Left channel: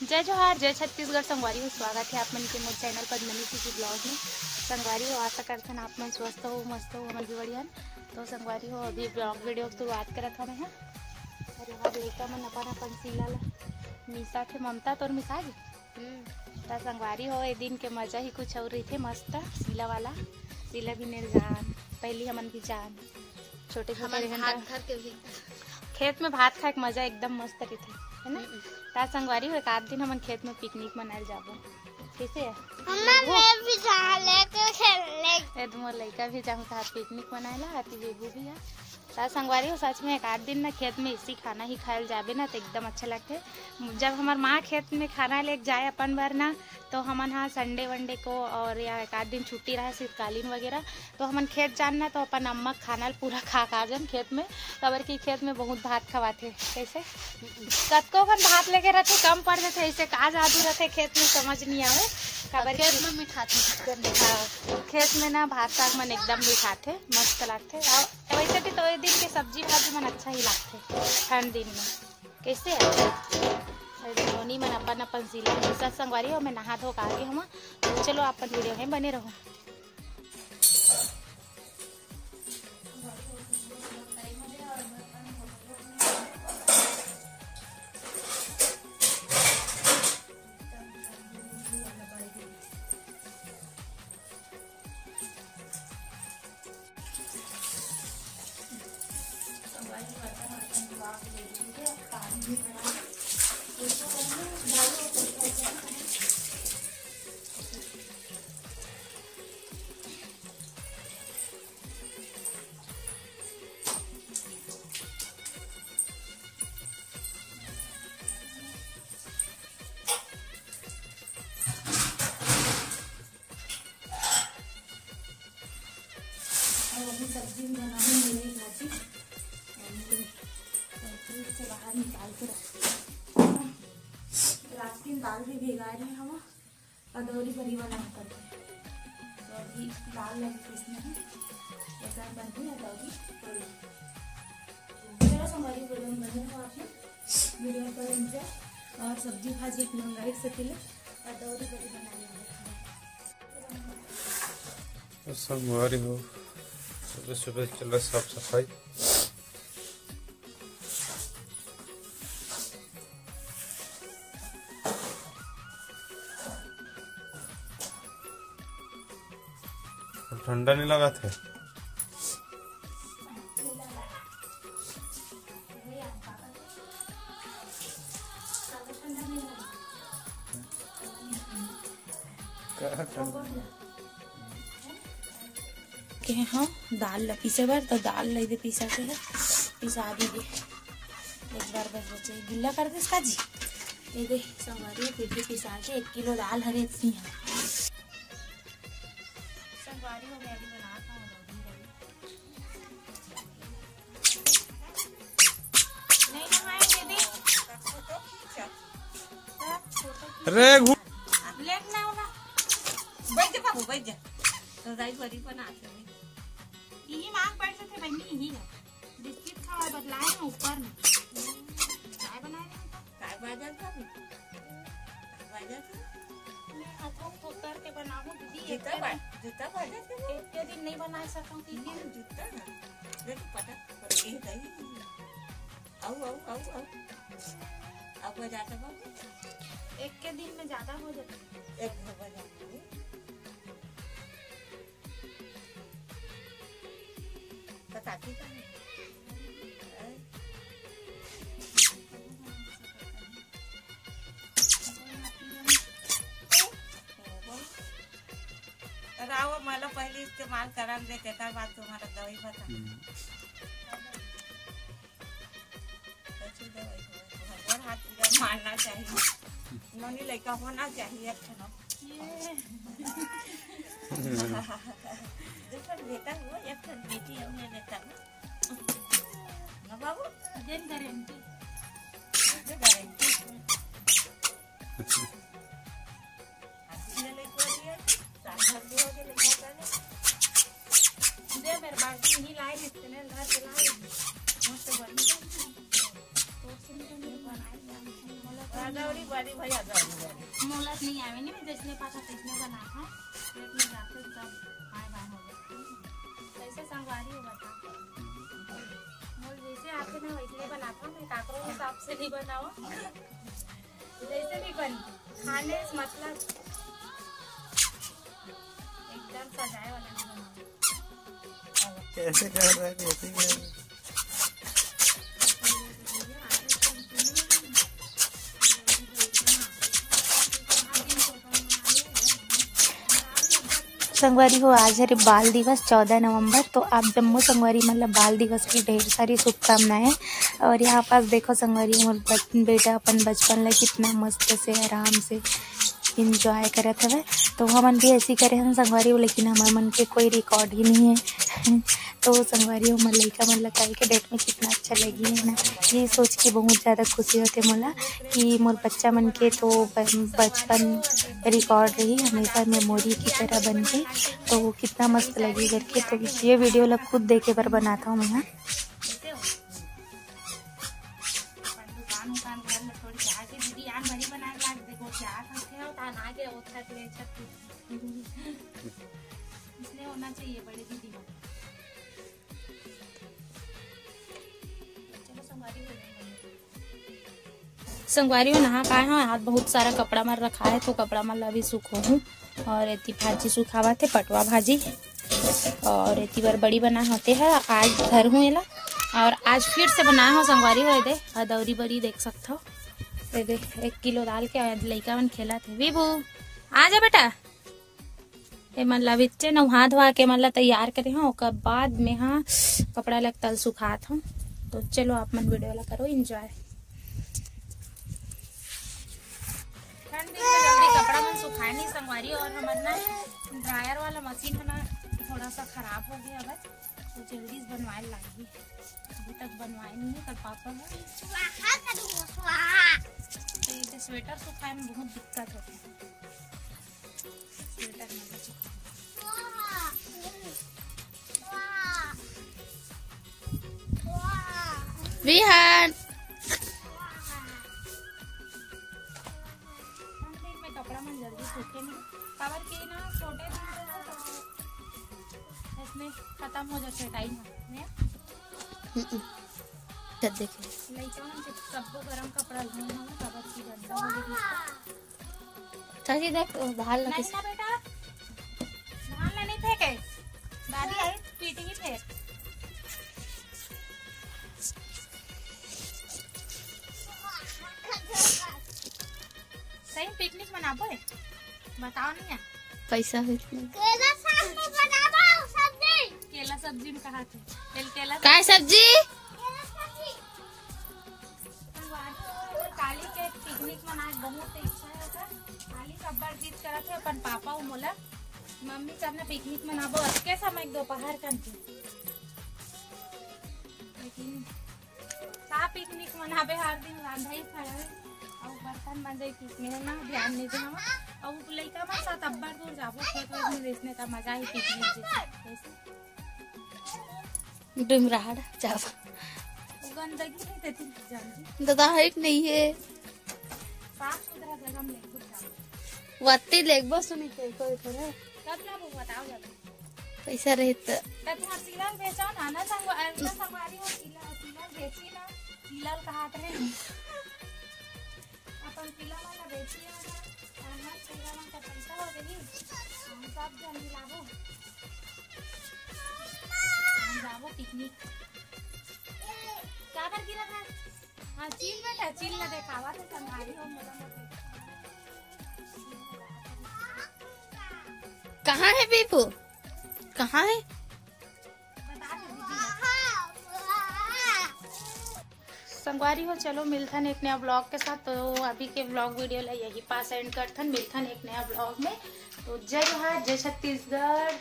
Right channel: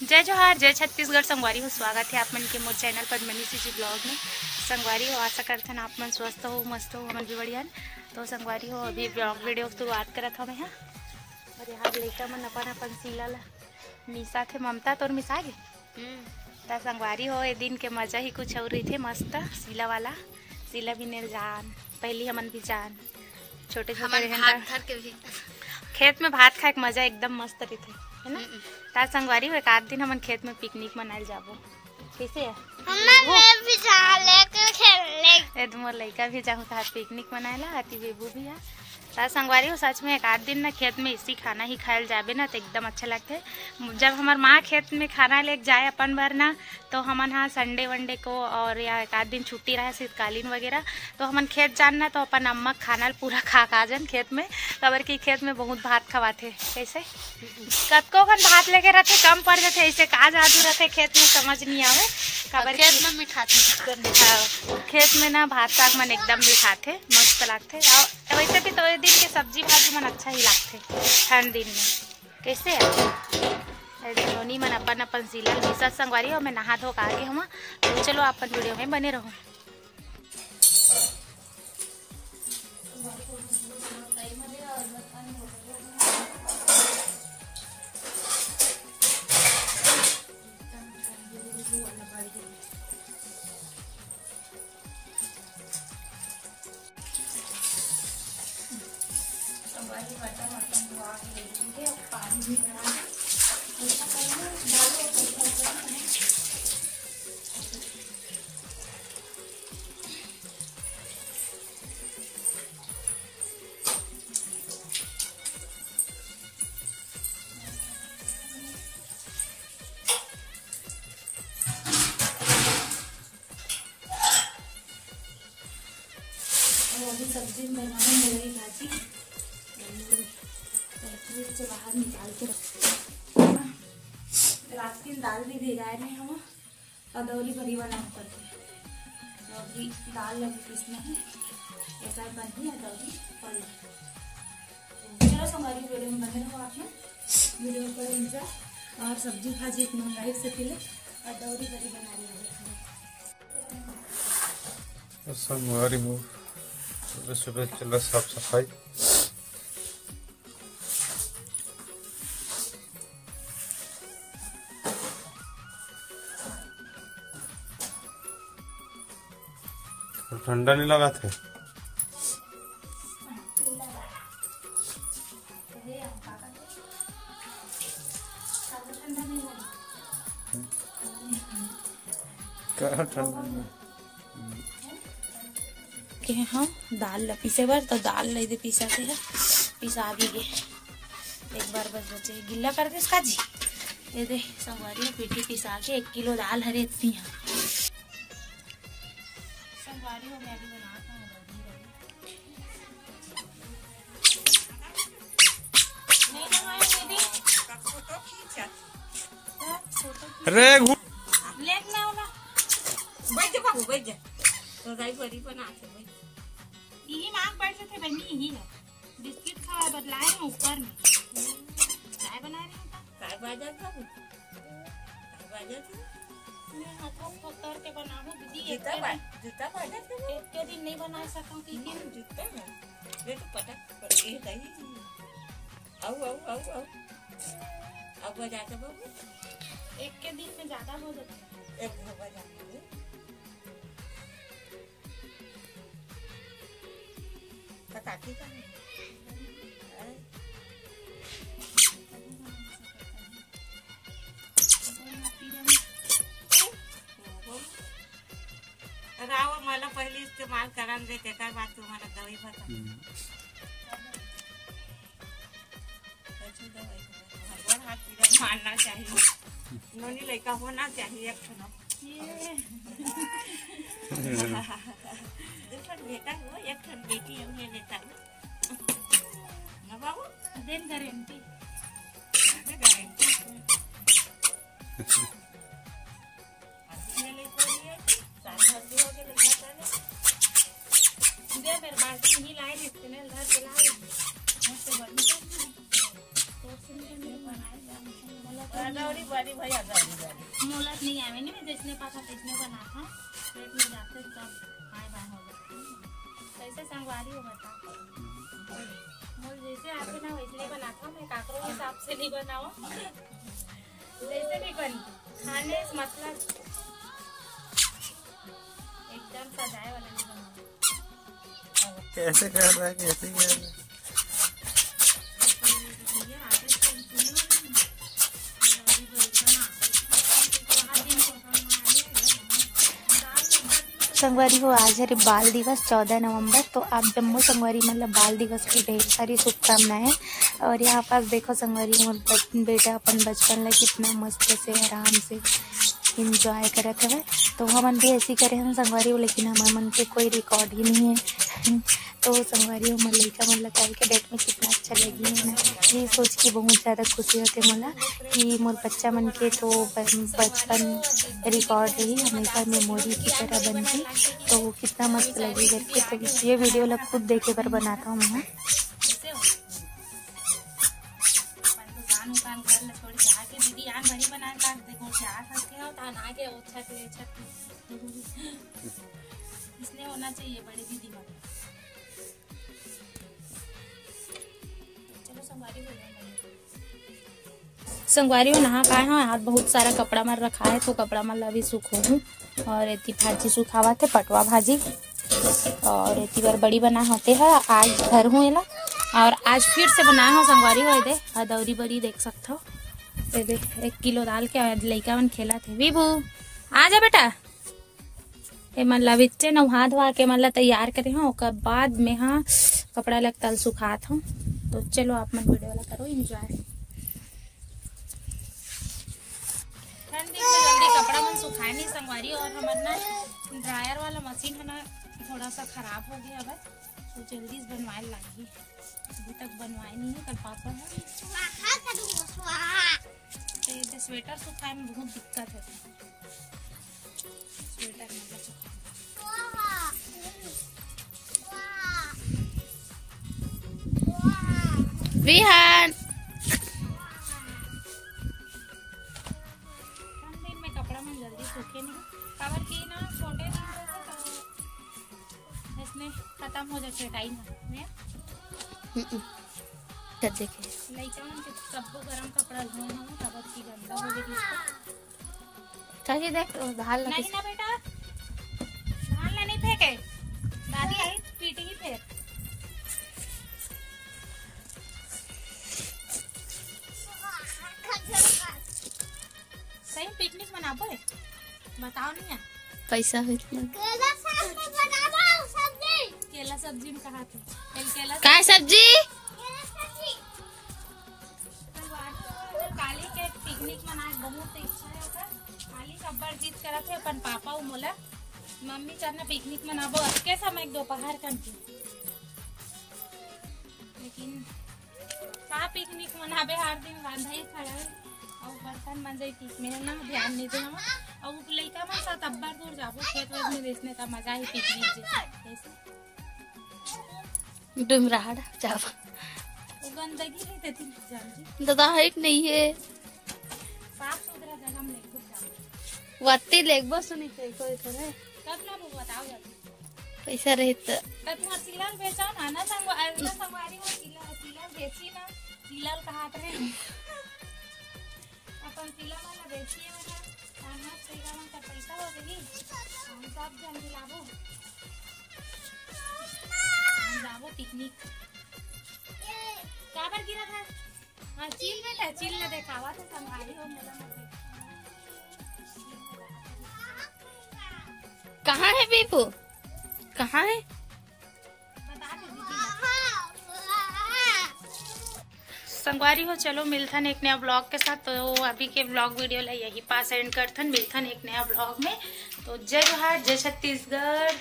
जय जोहार, जय छत्तीसगढ़। संगवारी हो, स्वागत है आप मन के मोर चैनल पद्मनी जी ब्लॉग में। संगवारी हो, आशा करते हैं आप मन स्वस्थ हो, मस्त हो, हमन भी बढ़िया। तो संगवारी हो, अभी ब्लॉग वीडियो शुरुआत करत हमें यहाँ। और यहाँ लड़का मन अपन सीला ला मिसा थे। ममता तोर मिसा गे तो संगवारी हो, ए दिन के मजा ही कुछ और रही थे। मस्त सीला वाला सीला भी नहीं जान, पहली हमन भी जान छोटे छोटे रहन खेत में भात खाए के मजा एकदम मस्त रही थे, है ना। तार संगवारी हो, एक आध दिन हमन खेत में पिकनिक मनाए जाबो। कैसे है? मोर लड़का भी जाऊँ था पिकनिक मनाए ला, आती बेबू भी है। तार संगवारी हो, सच में एक आध दिन ना खेत में इसी खाना ही खायल जाबे ना तो एकदम अच्छा लगते। जब हमार माँ खेत में खाना लेके जाए अपन बार ना, तो हमन हाँ संडे वनडे को और या एक आध दिन छुट्टी रहे शीतकालीन वगैरह, तो हमन खेत जानना तो अपन अम्मा खाना पूरा खा जन खेत में। खबर की खेत में बहुत भात खवाते। कैसे कतको कन भात लेके रहते, कम पड़ जाते। ऐसे का जादू रहते खेत में समझ नहीं आवे। खबर खेत में मिठाते, खेत में ना भात साग मन एकदम मिठाते, मस्त लगते। और वैसे भी तो दिन के सब्जी भाजी मन अच्छा ही लगते ठंड दिन में। कैसे है धोनी मन अपन अपन सिला मिसा संगवारी हो। मैं नहा धो के आगे हम, तो चलो अपन वीडियो में बने रहो। अभी सब्जी बनाने मेरी भाजी से बाहर निकाल के रख। रात की दाल भी भिगाए रहे हम, अदौरी बड़ी वाला करते हैं। तो अभी दाल लगी पीसने में, ऐसा बनती है अदौरी पड़ी। चलो हमारी वीडियो में बने रहो आप लोग, वीडियो को एंजॉय। और सब्जी भाजी इतना महंगाई से पहले अदौरी बड़ी बनानी है। संगवारी हो, सुबह सुबह चलो साफ सफाई। ठंडा नहीं लगा थे? के हाँ दाल ला पीसे बार, तो दाल ले दे पीसा के है, पिसा भी गे। एक बार बस बचे गिल्ला कर दे इसका जी। ये दे संगवारी पीठी पिसा के 1 किलो दाल हरे इतनी है। संगवारी हो, मैं अभी बनाता हूँ। अरे लेट ना होला बैठ जा बाबू, बैठ जा। तो दाई बड़ी बना के यही मांग पड़ते थे बनी। यही है बिस्किट खा बदलाए हैं ऊपर में चाय बना रहे हैं। चाय बाजा था, बाजा था। मैं हाथों को करके बनाऊं दीदी। जूता बाजा था। एक के दिन नहीं बना सकता कि जूता है देख पता ये दही। आओ अब जाते बाबू, एक के दिन में ज्यादा हो जाता है। एक बजा काटी का राव मला पहले इस्तेमाल करा दे के बाद तुम्हारा दवाई बता। मारना चाहिए, नोनी लड़का होना चाहिए। बेटा वो एक बेटी हमने लेता ना बाबू, देन गारंटी दे मेरे बाल्टी नहीं लाए, इसके घर पे लाए। मुझसे बड़ी तो से मेरे बनाए अदौड़ी बड़ी भाई अदौड़ी बड़ी मोलत नहीं आवे नहीं जिसने पाता तिसने बना था पेट में जाते सब आए बाय हो जाते कैसे संगवारी हो बता मोल जैसे आते ना वैसे बनाता मैं काकरों के हिसाब से नहीं बनाओ जैसे भी बन खाने मतलब एकदम सजाए वाला नहीं बनाओ। कैसे कर रहा है, कैसे कर रहा है? संगवारी हो आज है बाल दिवस 14 नवंबर। तो आप जम्मू संगवारी मतलब बाल दिवस की ढेर सारी शुभकामनाएं। और यहाँ पास देखो संगवारी मोर बेटा अपन बचपन में कितना मस्त से आराम से इंजॉय करत है। तो हमन भी ऐसी करे हम संगवारी हो, लेकिन हमारे मन के कोई रिकॉर्ड ही नहीं है। तो संगवारी हो लड़का मन लगाई के डेट में कितना अच्छा लगी है ना, ये सोच के बहुत ज़्यादा खुशी होते मोला कि मोर बच्चा मन के तो बचपन रिकॉर्ड रही हमेशा मेमोरी की तरह बन गई। तो वो कितना मस्त लगी करके, तो ये वीडियो लग खुद देखे पर बनाता हूँ मैं। इसलिए होना चाहिए बड़े दीदी को। संगवारी में नहा पाए हैं आज बहुत सारा कपड़ा मर रखा है, तो कपड़ा मर अभी सूखो हूँ। और एती भाजी सुखावा थे पटवा भाजी, और एती बार बड़ी बना होते है आज घर हूँ एला। और आज फिर से बनाया हो संगवारी हो दे अदौरी बड़ी देख सकते हो। दे 1 किलो डाल के लड़का मन खेला थे। विभू आ जा बेटा, ये मतलब इतने नहा धोआ के मतलब तैयार करे हो, ओकर बाद में हाँ कपड़ा लग तल सुखात हूँ। तो चलो आप मन वीडियो ला करो एंजॉय। ठंड दिन में जल्दी कपड़ा मन सुखाए नहीं संगवारी, और हमारा ना ड्रायर वाला मशीन है ना थोड़ा सा खराब हो गया बस, तो जल्दी बनवाए लागी। अभी तक बनवाए नहीं है, कल पापा है तो स्वेटर सुखाए में बहुत दिक्कत होती है। स्वेटर मतलब विहान दिन में कपड़ा मन जल्दी सूखे नहीं, कवर की ना छोटे दिन से तो इसमें खत्म हो जाते टाइम में। देखे लइका मन के सबको गरम कपड़ा लेना है, कवर की गंदा हो गई इसको। चाची देख भाल नहीं ना बेटा, धान ला नहीं फेंके, दादी आई पीटेगी फिर। सही पिकनिक मनाबो है, बताओ नहीं है पैसा है केला सब्जी में कहा थे केला काय सब्जी काली के पिकनिक मनाए बहुत इच्छा है। काली सब्बर जीत करा थे अपन पापा उ मोला मम्मी चलना पिकनिक मनाबो अटके समय दोपहर कंटी, लेकिन का पिकनिक मनाबे हर दिन रांधा ही खड़ा और बर्तन मंजई ठीक में ना ध्यान नहीं दे हम और लइका मन साथ अब्बर दूर जाबो खेत वेत में देखने का मजा ही पिकनिक जैसे डुमराड़ जाओ वो गंदगी नहीं देती जानती दादा है नहीं है साफ सुथरा जगह में लेके जाओ। वाती लेग बस नहीं कोई करे कब ना वो बताओ जाती पैसा रहे तो तब तुम सिलाल बेचाओ ना ना संगवारी हो सिलाल बेची ना सिलाल कहात रहे अपन सिला वाला बेची है ना खाना सिला वाला का पैसा हो गई हम सब जन दिलाबो हम जाबो पिकनिक काबर गिरा था। हाँ चील बेटा चील ना देखावा तो संभाली हो मोला कहाँ है बीपू कहाँ है बता दे दीदी संगवारी हो। चलो मिलथन एक नया ब्लॉग के साथ। तो अभी के ब्लॉग वीडियो ला यही पास एंड करथन, मिलथन एक नया ब्लॉग में। तो जय जोहार, जय छत्तीसगढ़।